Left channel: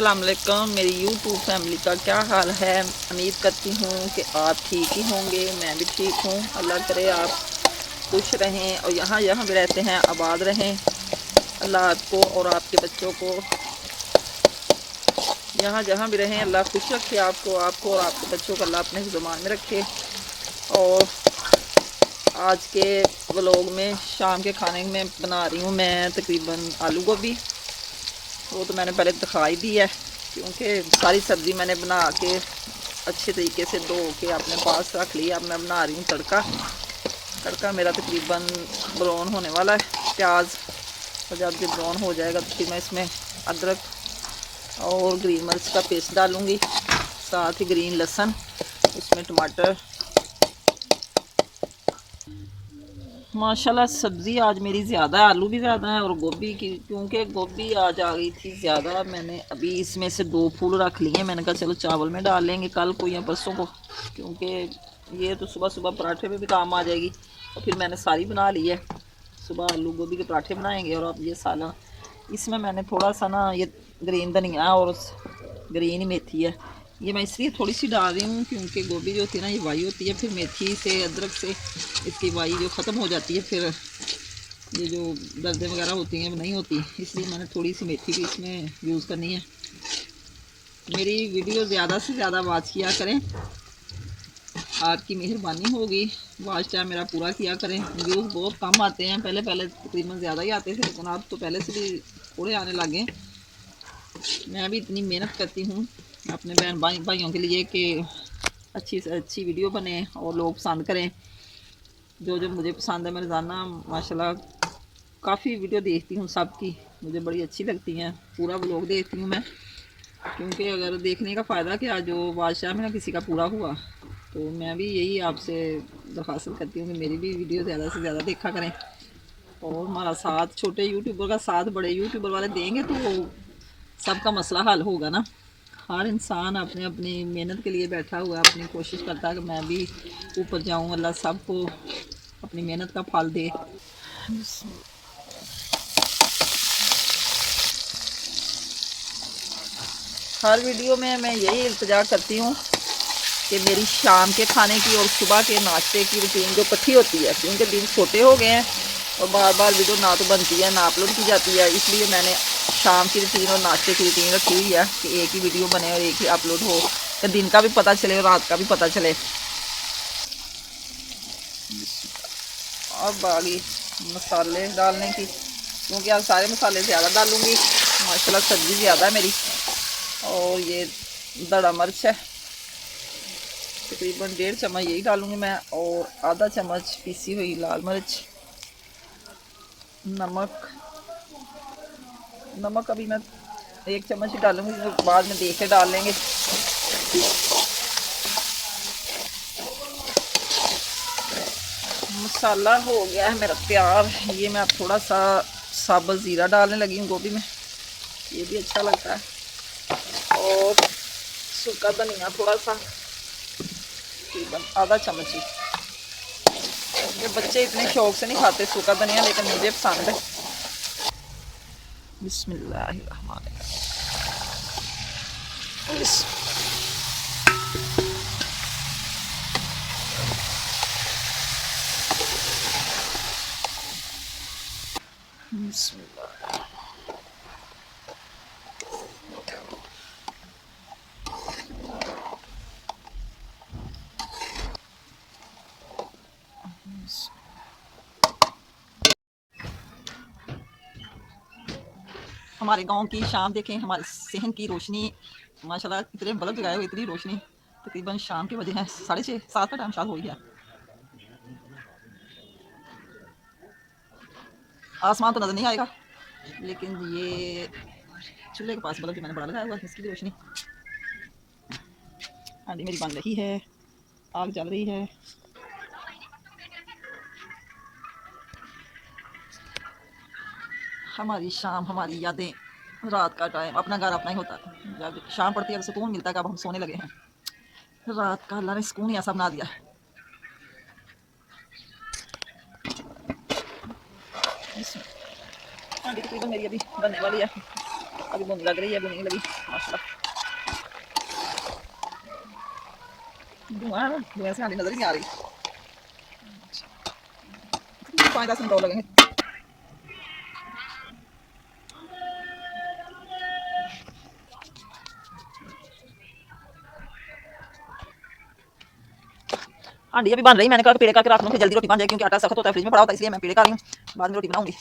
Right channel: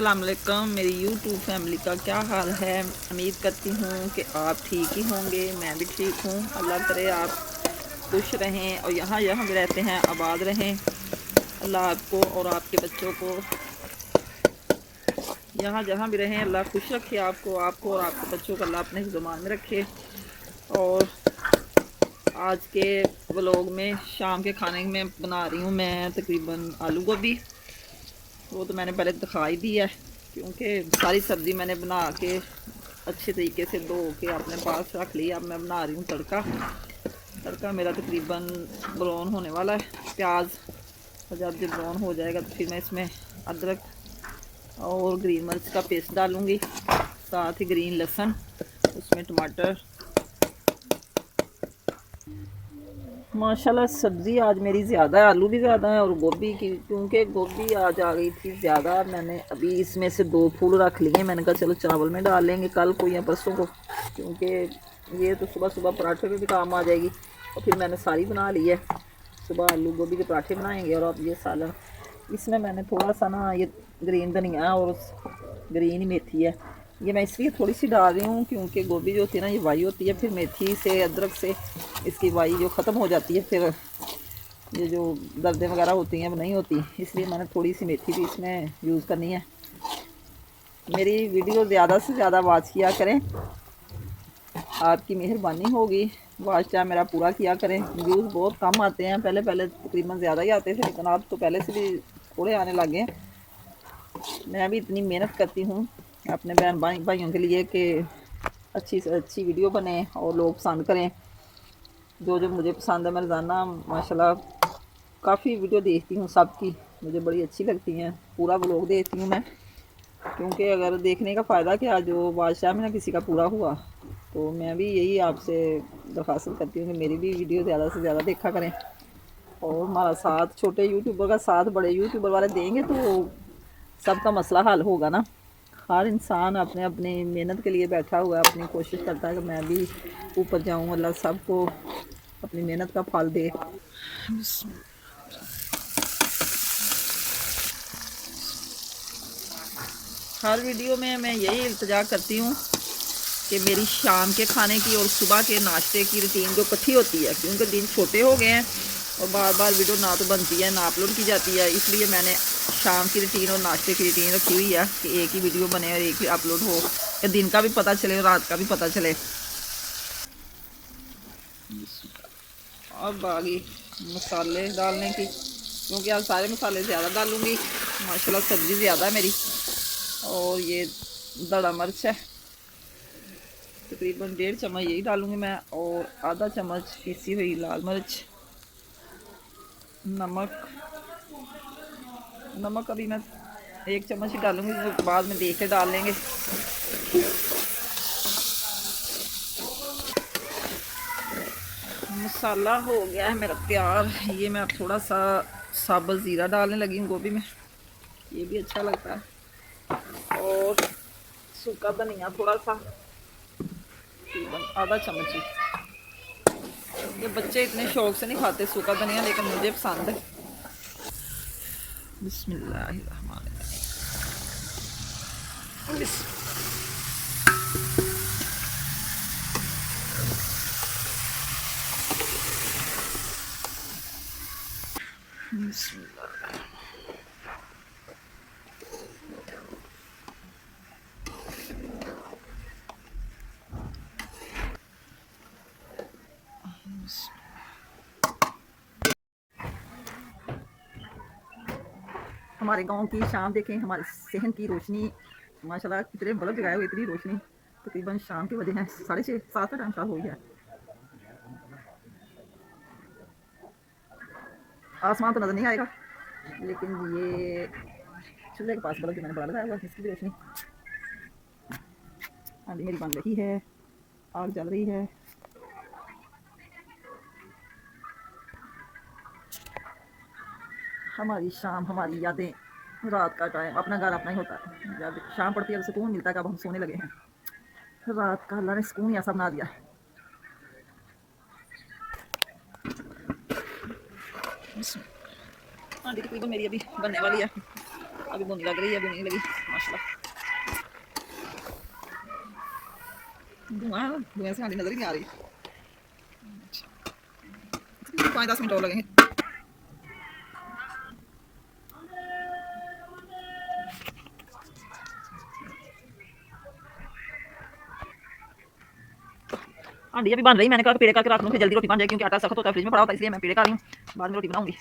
अस्सलाम वालेकुम। मेरी यूट्यूब फैमिली का क्या हाल है। उम्मीद करती हूँ कि आप ठीक ही होंगे। मैं भी ठीक हूँ। अल्लाह करे आप खुश रहें और यहाँ जहाँ भी रहते हैं आबाद रहें। अल्लाह आपको और आपके बच्चों को यहाँ जहाँ भी रहें अल्लाह खुश रखे। आपको और आपके बच्चों को अल्लाह अपने ज़ुबान में रखे। और आज के व्लॉग में शाम के खाने में बना रही हूँ मैं तकरीबन आलू गोभी। वो तो मैंने पहले दिखा ही दी है, क्योंकि सारी सब्ज़ी मैंने बना के अच्छे तरीके से धो के अपने पास रख लिया। अब मैं बना रही हूँ तड़का मेरा तकरीबन ब्राउन होने वाला है। प्याज और जब ये ब्राउन हो जाएगा तो फिर मैं इसमें अदरक और ग्रीन मिर्च का पेस्ट डालूँगी, साथ ही ग्रीन लहसुन, उसमें टमाटर। माशाल्लाह सब्ज़ी आज मेरी ज़्यादा है, आलू भी ज़्यादा है और गोभी की, क्योंकि गोभी आज आ गई थी ज़्यादा। मैंने अभी इसमें से 2 फूल रख लिए। मैंने कहा चलो चावल में डाल लेंगे कल को या परसों को, क्योंकि ये तो सुबह सुबह पराठे पे भी काम आ जाएगी। और फिर मैंने सारी बना ली है। सुबह आलू गोभी के पराठे बनाएंगे और अब ये सालन। इसमें मैंने थोड़ा सा ना ये ग्रीन धनिया और ग्रीन मेथी है, ये मैं इसलिए थोड़ी सी डाल रही हूँ क्योंकि गोभी जो होती है ना ये वाई होती है, फिर मेथी से अदरक से इसकी वाई जो ख़त्म हो जाती है, फिर ये जो दर्दें वगैरह होती हैं वो नहीं होती। इसलिए मैंने थोड़ी सी मेथी भी इसमें यूज़ करनी है। मेरी वीडियो ज़्यादा से ज़्यादा वॉच किया करें, आपकी मेहरबानी होगी। वॉच टाइम मेरा पूरा किया करें। व्यूज़ बहुत कम आते हैं, पहले तकरीबन ज़्यादा ही आते थे, लेकिन अब तो पहले से भी थोड़े आने लगे। मैं भी इतनी मेहनत करती हूँ अपने बहन भाइयों के लिए कि अच्छी से अच्छी वीडियो बने और लोग पसंद करें। जो मुझे पसंद है, मैं रोज़ाना माशाल्लाह काफ़ी वीडियो देखती हूँ सबकी, मुझे बड़ी अच्छी लगती हैं। पूरा व्लॉग देखती हूँ मैं, क्योंकि अगर देखने का फ़ायदा क्या, जो बादशाह में ना किसी का पूरा हुआ। तो मैं भी यही आपसे दरख्वास्त करती हूँ कि मेरी भी वीडियो ज़्यादा से ज़्यादा देखा करें और हमारा साथ छोटे यूट्यूबर का साथ बड़े यूट्यूबर वाले देंगे तो सबका मसला हल होगा ना। हर इंसान अपने अपनी मेहनत के लिए बैठा हुआ है, अपनी कोशिश करता है कि मैं भी ऊपर जाऊं। अल्लाह सबको अपनी मेहनत का फल दे। हर वीडियो में मैं यही इल्तिजा करती हूँ कि मेरी शाम के खाने की और सुबह के नाश्ते की रूटीन जो इकट्ठी होती है, क्योंकि दिन छोटे हो गए हैं और बार बार वीडियो ना तो बनती है ना अपलोड की जाती है। इसलिए मैंने शाम की रूटीन और नाश्ते की रूटीन रखी हुई है कि एक ही वीडियो बने और एक ही अपलोड हो, कि दिन का भी पता चले और रात का भी पता चले। अब आ गई मसाले डालने की, क्योंकि आज सारे मसाले ज़्यादा डालूँगी। माशाल्लाह सब्ज़ी ज़्यादा है मेरी। और ये दड़ा मिर्च है, तकरीबन 1.5 चम्मच यही डालूँगी मैं, और आधा चम्मच पीसी हुई लाल मिर्च। नमक अभी मैं 1 चम्मच ही डालूँगी, तो बाद में देख के डाल लेंगे। मसाला हो गया है मेरा तैयार। ये मैं अब थोड़ा सा साबुत ज़ीरा डालने लगी हूँ गोभी में, ये भी अच्छा लगता है। और सूखा धनिया थोड़ा सा, आधा चम्मच ही। ये बच्चे इतने शौक से नहीं खाते सूखा धनिया, लेकिन मुझे पसंद है। बिस्मिल्लाहिर्रहमानिर्रहीम। हमारे गांव की शाम देखें, हमारे सहन की रोशनी माशाल्लाह कितने बल्ब जगाए हुए, इतनी रोशनी। तकरीबन शाम के बजे हैं 6:30 7 का टाइम शायद हो गया। आसमान तो नज़र नहीं आएगा, लेकिन ये चूल्हे के पास बल्ब जो मैंने बड़ा लगाया हुआ है इसकी भी रोशनी। हांडी मेरी बन रही है, आग जल रही है। हमारी शाम, हमारी यादें, रात का टाइम, अपना घर अपना ही होता है। जब शाम पड़ती है तो सुकून मिलता है कि अब हम सोने लगे हैं। रात का अल्लाह ने सुकून ही ऐसा बना दिया है। हांडी तकरीबन मेरी अभी बनने वाली है। अभी बुन लग रही है, अभी नहीं लगी माशाल्लाह। धुआं है ना, धुएं से आनी नजर ही नहीं आ रही। 5-10 मिनट और लगेंगे। आंटी अभी बन रही, मैंने कहा पेड़े करके रात में जल्दी रोटी बन जाए, क्योंकि आटा सख्त होता है, फ्रिज में पड़ा होता है, इसलिए मैं पेड़े कर रही हूँ, बाद में रोटी बनाऊंगी।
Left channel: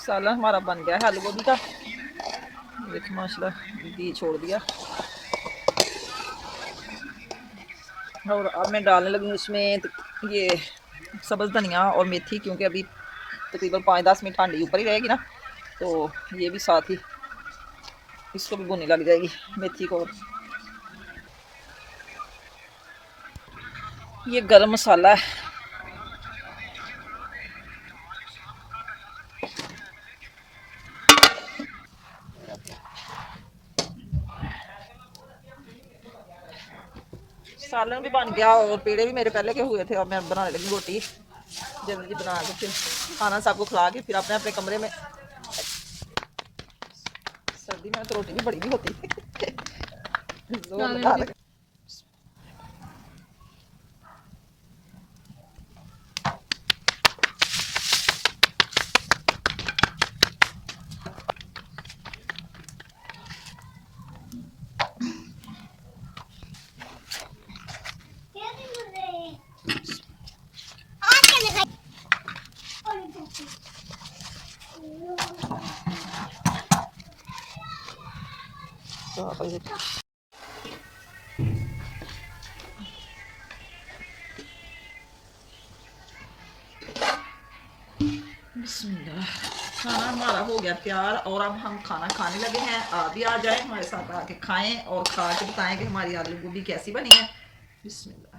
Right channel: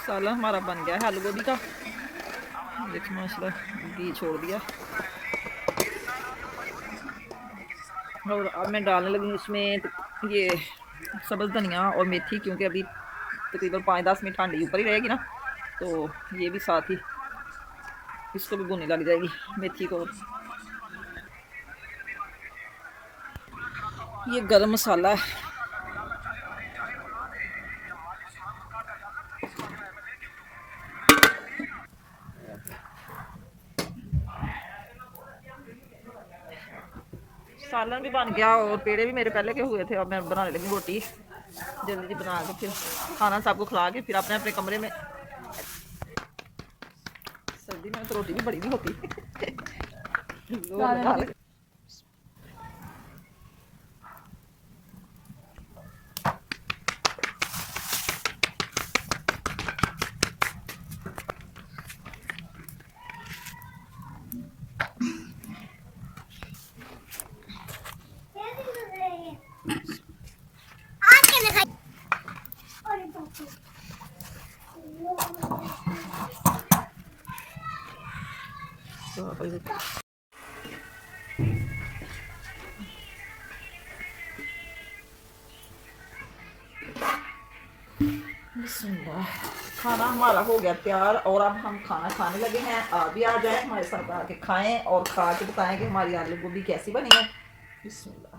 सालन हमारा बन गया है आलू गोभी का, देखिए माशाल्लाह घी छोड़ दिया। और अब मैं डालने लगी इसमें ये सब्ज़ धनिया और मेथी, क्योंकि अभी तकरीबन 5-10 मिनट हांडी ऊपर ही रहेगी ना, तो ये भी साथ ही इसको भी भुनी लग जाएगी मेथी को। ये गरम मसाला है। सालन भी बन गया और पेड़े भी मेरे पहले के हुए थे। अब मैं बनाने लगी रोटी जल्दी जल्दी बना के, फिर खाना सबको खिला के फिर अपने अपने कमरे में। सर्दी में तो रोटी भी बड़ी भी होती है। बिस्मिल्लाह, खाना हमारा हो गया तैयार और अब हम खाना खाने लगे हैं। आप भी आ जाए हमारे साथ, आके खाएं और खा के बताएं कि हमारी आलू गोभी कैसी बनी है। बिस्मिल्लाह।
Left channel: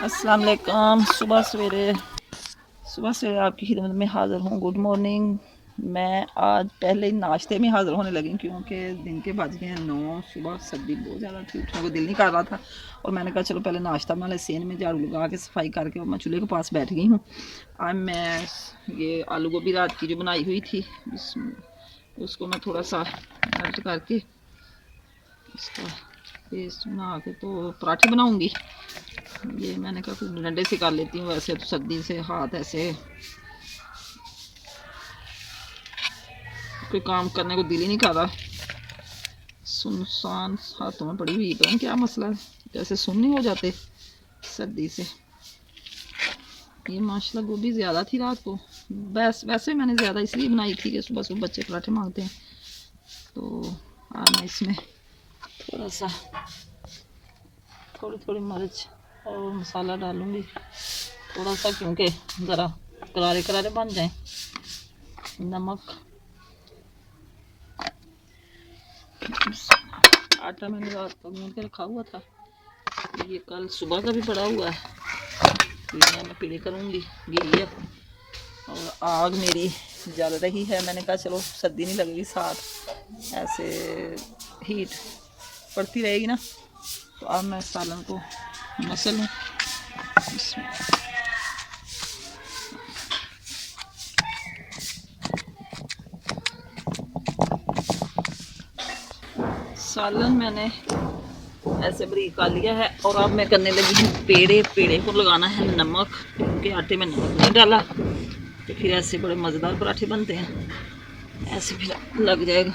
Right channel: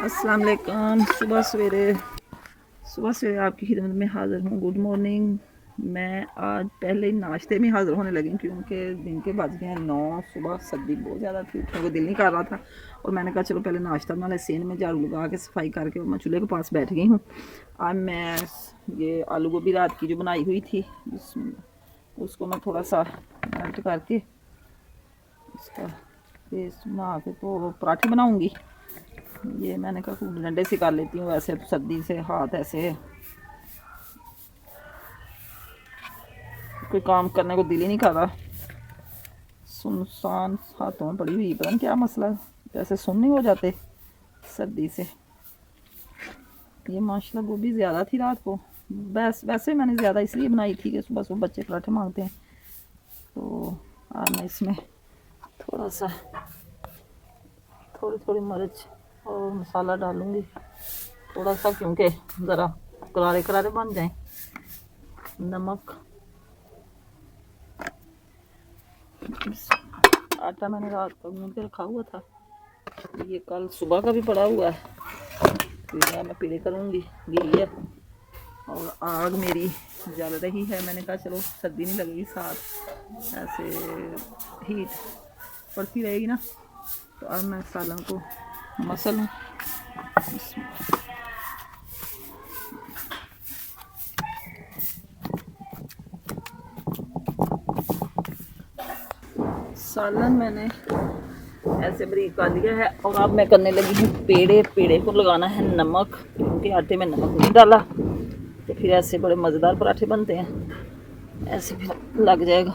अस्सलाम वालेकुम। सुबह सवेरे आपकी खिदमत में हाज़िर हूँ। Good morning. मैं आज पहले ही नाश्ते में हाज़िर होने लगी, क्योंकि दिन के बज गए हैं 9। सुबह सर्दी बहुत ज़्यादा थी, उठने को दिल नहीं कर रहा था, और मैंने कहा चलो पहले नाश्ता बना ले। सेन में झाड़ू लगा के सफाई करके और मैं चूल्हे के पास बैठ गई हूँ। आज मैं ये आलू गोभी रात की जो बनाई हुई थी, उसको मैं थोड़ा सा मेल्ट करके इसका पेस्ट बना के तो पराठे बनाऊँगी। ये मैंने कहा कुछ डंडे से कर लेती हूँ, वैसे तो सर्दी से हाथ ऐसे कोई काम करने को दिल ही नहीं कर रहा, सुनसान हाथों में पड़ी हुई, पता नहीं क्या मसला है, जैसे सुन नहीं हो जाते सर्दी से। ये माशाल्लाह गोभी ज़्यादा थी रात को, वैसे मैंने ज़्यादा इसलिए बनाई थी कि सुबह सुबह बच्चे पराठे मांगते हैं, तो आज मैं इसमें थोड़ा सा थोड़ी मिर्च और मसाला डालूँगी थोड़ा सा, क्योंकि ज़रा करारे करारे बन जाएं। नमक, आटा मैंने रात को गूंद के रखा हुआ था, ये कल सुबह का भी पड़ा हुआ है, तो मैं पीड़े करूँगी। घी है और आग मेरी जल रही है, मैंने कहा चलो सर्दी नहीं लगेगी, साथ ऐसे हीट पड़ती रहेगी ना। तो अब मैं सालन को मसल लूँ। सालन मैंने ऐसे बरीक कर लिया है और अब मैं करने लगी हूँ पेड़े को लगाना है नमक, क्योंकि आटे में नमक नहीं डाला, तो फिर ऐसे बड़े मज़ेदार पराठे बनते हैं, ऐसे फिर लग जाएगा।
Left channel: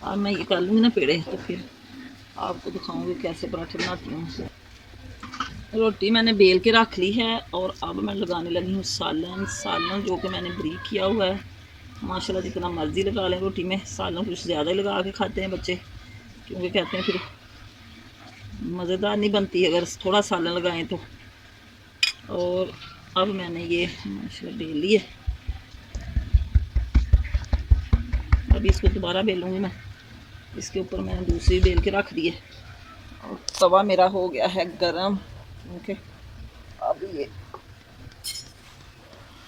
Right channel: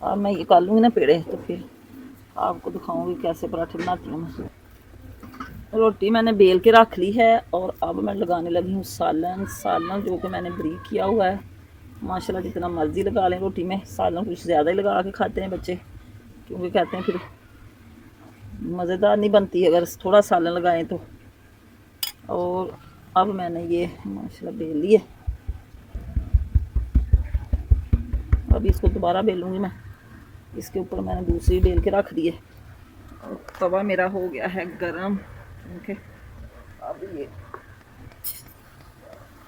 और मैं ये कर लूँगी ना पेड़े, तो फिर आपको दिखाऊंगी कैसे पराठे बनाती हूँ। रोटी मैंने बेल के रख ली है और अब मैं लगाने लगी हूँ सालन। सालन जो कि मैंने ब्रीक किया हुआ है। माशाल्लाह जितना मर्ज़ी लगा लें रोटी में, सालन कुछ ज़्यादा ही लगा के खाते हैं बच्चे, क्योंकि कहते हैं फिर मज़ेदार नहीं बनती अगर थोड़ा सालन लगाएं तो। और अब मैंने ये माशाल्लाह बेल ली है, अभी इसको दोबारा बेलूँगी मैं। इसके ऊपर मैंने दूसरी बेल के रख दी है और तवा मेरा हो गया है गरम। ओके, अब ये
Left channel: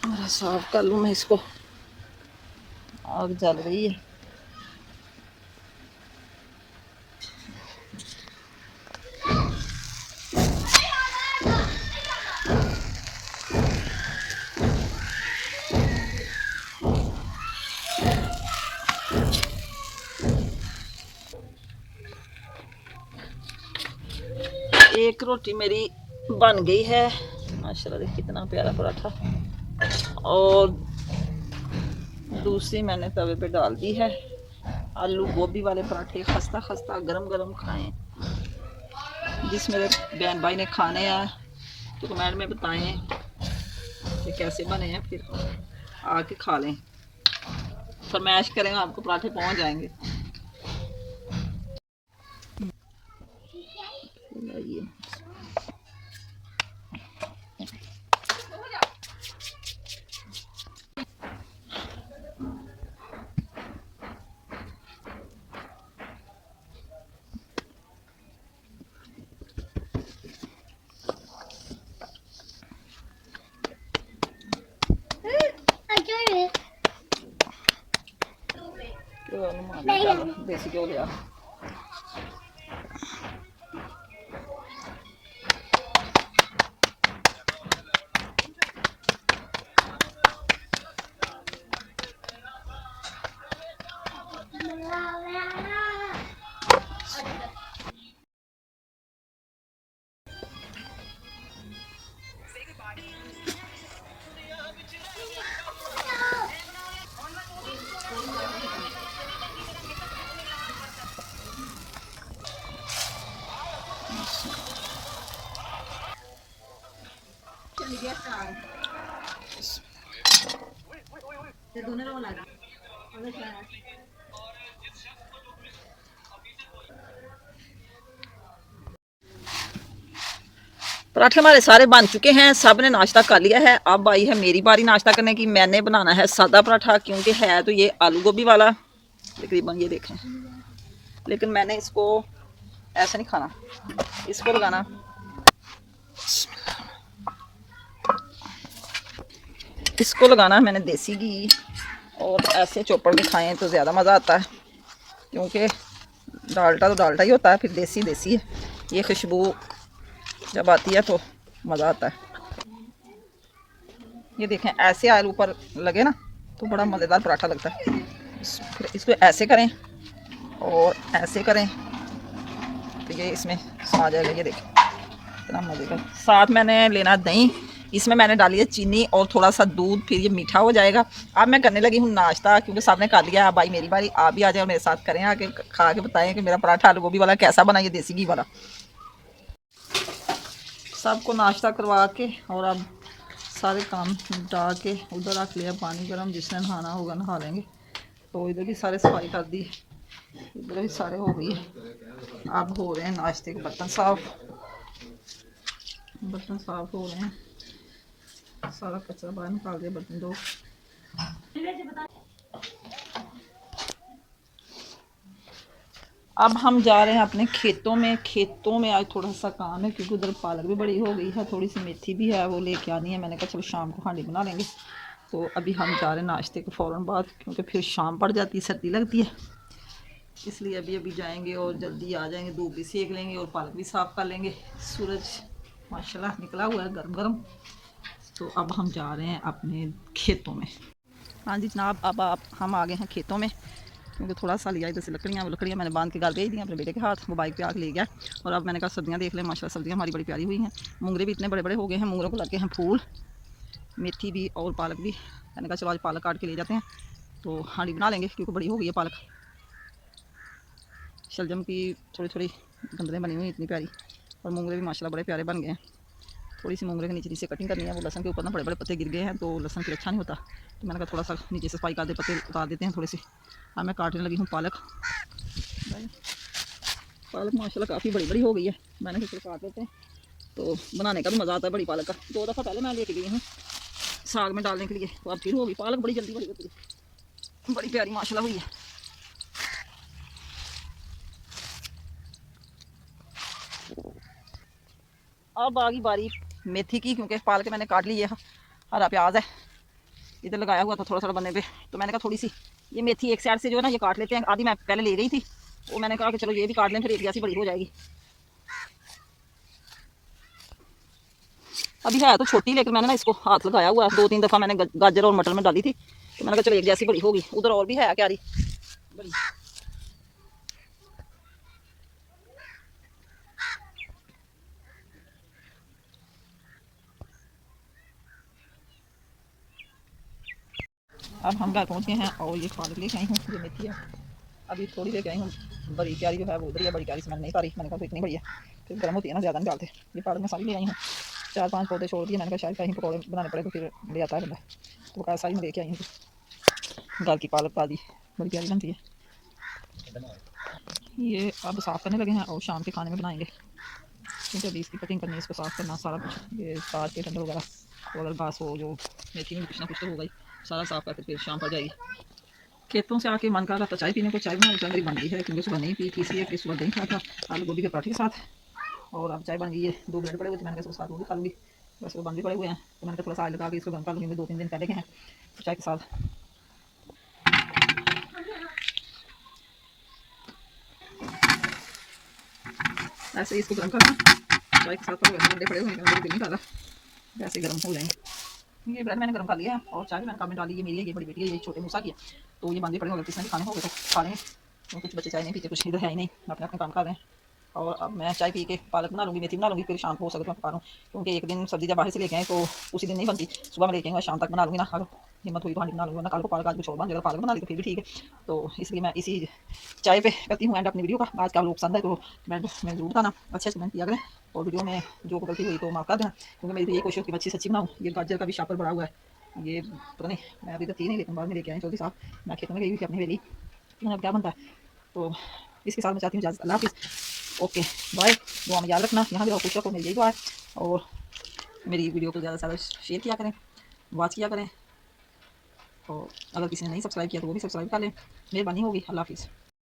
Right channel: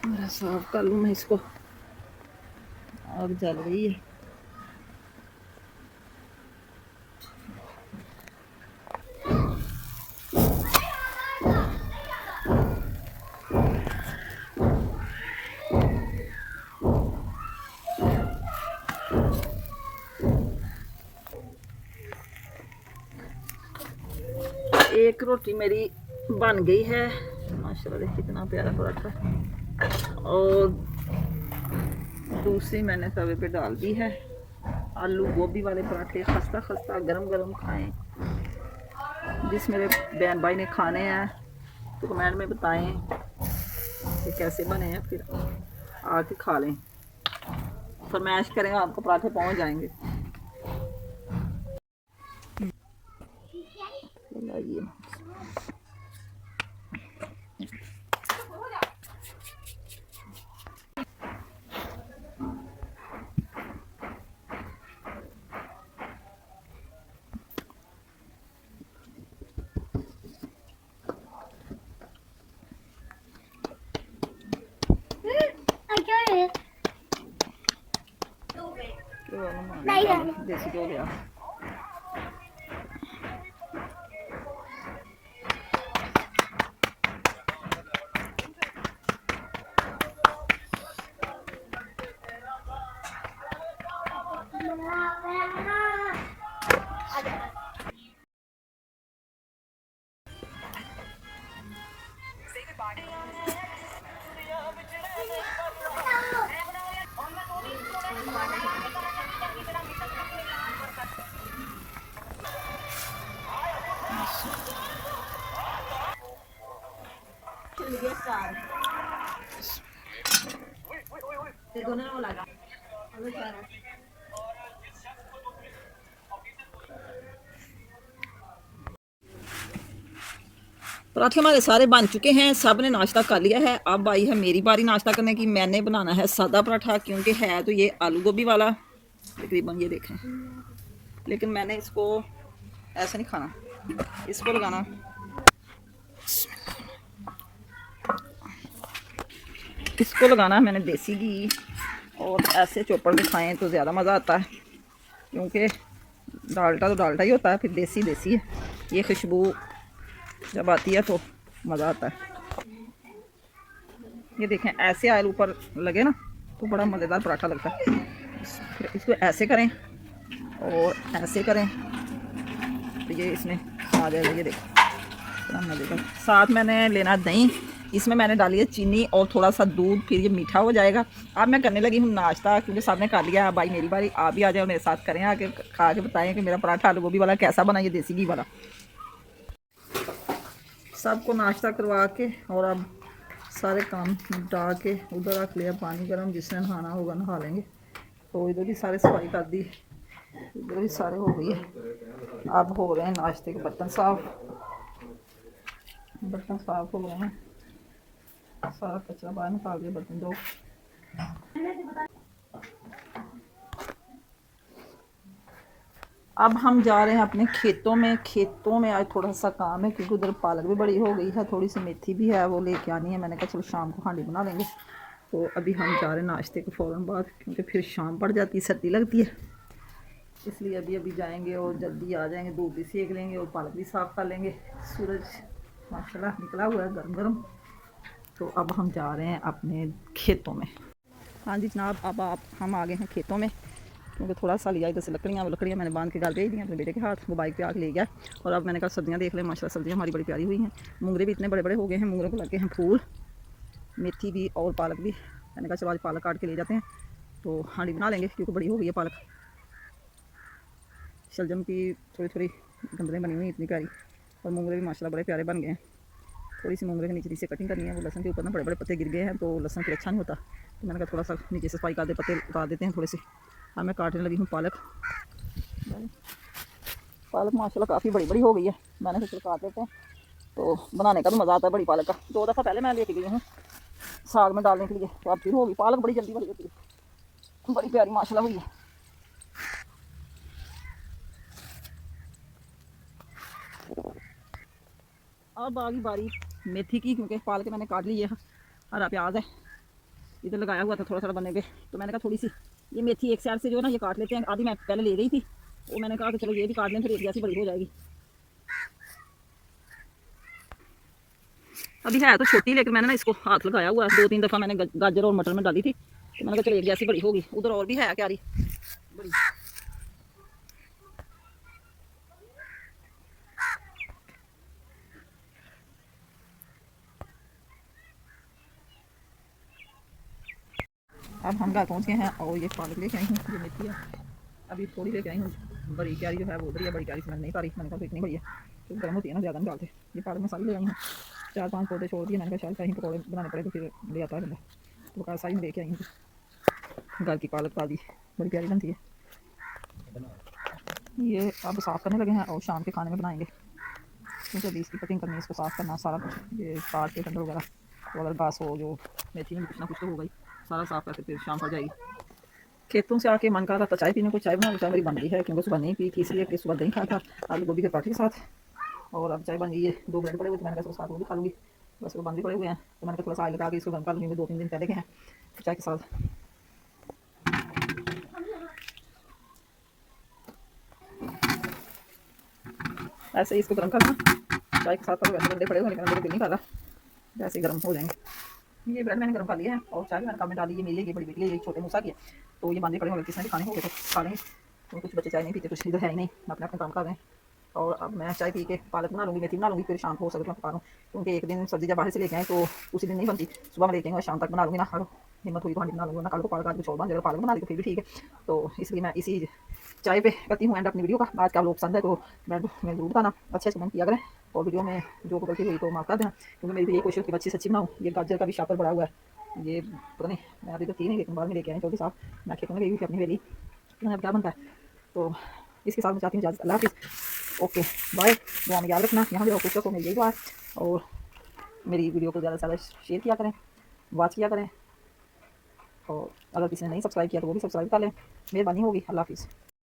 मेरा साफ कर लूँ मैं इसको, आग जल रही है। एक रोटी मेरी बन गई है माशाल्लाह, देख कितना प्यारा पराठा। और दूसरी मैंने तवे पे डाल दी है। आलू गोभी वाले पराठे खस्ता खस्ता गरम गरम खाएं। जिस मेरे बहन भाई ने खाने हैं तो कमेंट में बताएं कि कैसे बने हैं, फिर आके खा लें। फरमाइश करें, आपको पराठे पहुंच जाएंगे। देसी घ्यो लिया। पराठे हमारे सारे बन चुके हैं, सब ने नाश्ता कर लिया है। अब आई है मेरी बारी नाश्ता करने की। मैंने बनाना है सादा पराठा, क्योंकि है तो ये आलू गोभी वाला तकरीबन, ये देखें। लेकिन मैंने इसको ऐसा नहीं खाना, इसको लगाना इसको लगाना मैंने देसी घी, और ऐसे चोपड़ के खाएं तो ज़्यादा मज़ा आता है, क्योंकि डाल्डा तो डाल्डा ही होता है, फिर देसी देसी है। ये खुशबू जब आती है तो मज़ा आता है। ये देखें, ऐसे आलू ऊपर लगे ना तो बड़ा मज़ेदार पराठा लगता है। फिर इसको ऐसे करें और ऐसे करें तो ये इसमें आ जाएगा। ये देखें कितना मज़े का। साथ मैंने लेना दही, इसमें मैंने डाली है चीनी और थोड़ा सा दूध, फिर ये मीठा हो जाएगा। अब मैं करने लगी हूँ नाश्ता, क्योंकि सबने कर लिया है। अब आई मेरी बारी, आप भी आ जाए और मेरे साथ करें, आके खा के बताएं कि मेरा पराठा आलू गोभी वाला कैसा बना, ये देसी घी वाला। सबको नाश्ता करवा के और अब सारे काम निपटा के उधर रख लिया पानी गर्म। जिसने नहाना होगा नहा लेंगे। तो इधर भी सारे सफाई कर दी, इधर भी सारे हो गई है। अब हो रहे हैं नाश्ते के बर्तन साफ, बर्तन साफ हो रहे हैं। सारा कचरा बाहर निकाल दिया, बर्तन दो। अब हम जा रहे हैं अपने खेतों में। खेतों में आज थोड़ा सा काम है, क्योंकि उधर पालक भी बड़ी हो गई है, थोड़ी सी मेथी भी है, वो लेके आनी है। मैंने कहा चलो शाम को हांडी बना लेंगे। तो अभी हम जा रहे हैं नाश्ते के फ़ौरन बाद, क्योंकि फिर शाम पड़ जाती है, सर्दी लगती है, इसलिए अभी अभी जाएंगे और जल्दी आ जाएंगे। धूप भी सेक लेंगे और पालक भी साफ़ कर लेंगे। सूरज माशाल्लाह निकला हुआ है गर्म गर्म। तो अब हम जा रहे हैं अपने खेतों में। हाँ जी जनाब, अब हम आ गए हैं खेतों में, क्योंकि थोड़ा सा लिया इधर से लकड़ियाँ मैंने बांध के घर भेज दी अपने बेटे के हाथ। वो बाइक पे आके ले गया। और अब मैंने कहा सब्जियाँ देख लें, माशाल्लाह सब्जियाँ हमारी बड़ी प्यारी हुई हैं। मूंगरे भी इतने बड़े बड़े हो गए हैं, मूंगरों को लगे हैं फूल। मेथी भी और पालक भी। मैंने कहा चलो आज पालक काट के ले जाते हैं, तो हांडी बना लेंगे, क्योंकि बड़ी हो गई है पालक। शलजम की थोड़ी थोड़ी गंदलें बनी हुई इतनी प्यारी, और मूंगरे भी माशाल्लाह बड़े प्यारे बन गए हैं। थोड़ी सी मोंगरे के नीचे नीचे कटिंग करनी है। वो लहसुन के ऊपर ना बड़े बड़े पत्ते गिर गए हैं तो लहसुन फिर अच्छा नहीं होता, तो मैंने कहा थोड़ा सा नीचे से सफाई कर दे, पत्ते उतार देते हैं थोड़े से। अब मैं काटने लगी हूँ पालक। पालक माशाल्लाह काफ़ी बड़ी बड़ी हो गई है, मैंने फिर काट देते हैं तो बनाने का भी मज़ा आता है बड़ी पालक का। 2 दफ़ा पहले मैं लेके गई हूँ साग में डालने के लिए, तो अब फिर होगी। पालक बड़ी जल्दी बड़ी होती है, बड़ी प्यारी माशाल्लाह हुई है। अब आ गई बारी मेथी की, क्योंकि पालक मैंने काट ली है। हरा प्याज है इधर लगाया हुआ था थोड़ा थोड़ा बनने पे, तो मैंने कहा थोड़ी सी ये मेथी एक साइड से जो है ना ये काट लेते हैं। आधी मैं पहले ले गई थी, तो मैंने कहा कि चलो ये भी काट लें, फिर एक जैसी बड़ी हो जाएगी। अभी है तो छोटी, लेकिन मैंने ना इसको हाथ लगाया हुआ है। 2-3 दफ़ा मैंने गाजर और मटर में डाली थी, तो मैंने कहा चलो एक जैसी बड़ी होगी। उधर और भी है क्यारी बड़ी। अब हम घर पहुँच गए हैं और ये पालक लेके आई हूँ, जो मेथी है अभी थोड़ी लेके आई हूँ। बड़ी क्यारी जो है वो उधर है, बड़ी क्यारी से मैंने नहीं पारी। मैंने कहा इतनी बड़ी है फिर गर्म होती है ना, ज़्यादा नहीं डालते। ये पालक मैं सारी ले आई हूँ, 4-5 पौधे छोड़ दिए। मैंने कहा शायद कहीं पकौड़े बनाने पड़े तो फिर ले आता है बंदा, तो वो सारी में लेके आई हूँ। घर की पालक ताज़ी बड़ी प्यारी बनती है। ये अब साफ़ करने लगे हैं और शाम के खाने में बनाएंगे, क्योंकि अभी इसकी कटिंग करनी है, इसको साफ़ करना सारा कुछ, ये काट के टंडल वगैरह, तो अगर घास हो जो मेथी में कुछ ना कुछ तो होगा ही, सारा साफ़ करके फिर शाम पड़ जाएगी। खेतों से आके मन कर रहा था चाय पीने को, चाय बना चाय मेरी बन गई है, क्योंकि सुबह नहीं पी थी इसलिए कि सुबह दही खाया था आलू गोभी के पराठे के साथ, और अब चाय बन गई है। 2 ब्रेड पड़े हुए थे, मैंने कहा साथ वो भी खा लूँगी, बस वो बंद भी पड़े हुए हैं, तो मैंने कहा थोड़ा सा ऑयल लगा के इसको गर्म कर लूँगी। 2-3 दिन पहले के हैं तो चाय के साथ। ऐसे ही इसको गर्म करना चाय के साथ, पर वैसे बड़े पड़े हुए लेकिन मेरे दिल नहीं कर रहा, वैसे गर्म हो जाएंगे। ये ब्रेड मैंने गर्म कर लिया है और चाय भी मैंने कम में डाली। ये मेरी है, ये बड़ी बेटी है, ये छोटे मूसा की है, तो ये बांधे पड़े होंगे, किसी ने भी खाने होंगे तो खा लेंगे। तो कुछ बच्चे चाय नहीं पीते, कुछ इधर है ही नहीं, अपने अपने काम कर रहे हैं। और अब मैं चाय पी के पालक बना लूँगी, मेथी बना लूँगी, फिर शाम को हो सके तो मैं पका लूँ, क्योंकि एक दिन सब्जी जब बाहर से लेके आए तो उसी दिन नहीं बनती। सुबह मैं लेके आऊँगा, शाम तक बना लूँगी ना, अगर हिम्मत हुई तो हांडी बना लूँगी, ना कल को पालक आज कुछ और बन जाएगा, पालक बना ली तो फिर भी ठीक है। तो इसलिए मैं इसी चाय पे करती हूँ एंड अपनी वीडियो का। आज का लोग पसंद है तो कमेंट में ज़रूर बताना, अच्छे से कमेंट किया करें, और वीडियो में जो गलती हुई तो माफ़ कर देना, क्योंकि मेरी तो यही कोशिश होती है अच्छी सच्ची बनाऊँ। ये गाजर का भी शापर बड़ा हुआ है, ये पता नहीं मैं अभी तक थी नहीं, लेकिन बाद में लेके आए चौधरी साहब। मैं खेतों में गई हुई थी अपनी हवेली, अब क्या बनता है। तो इसके साथ मैं चाहती हूँ इजाज़त, अल्लाह हाफ़िज़, ओके बाय। दुआ में याद रखना, यहाँ भी रहो, खुश रखो, मेरी यही दुआ है। और मेरी वीडियो को ज़्यादा से ज़्यादा शेयर किया करें, वॉच किया करें, और अगर किसी ने नहीं सब्सक्राइब किया तो वो भी सब्सक्राइब कर लें, मेहरबानी होगी। अल्लाह हाफ़िज़।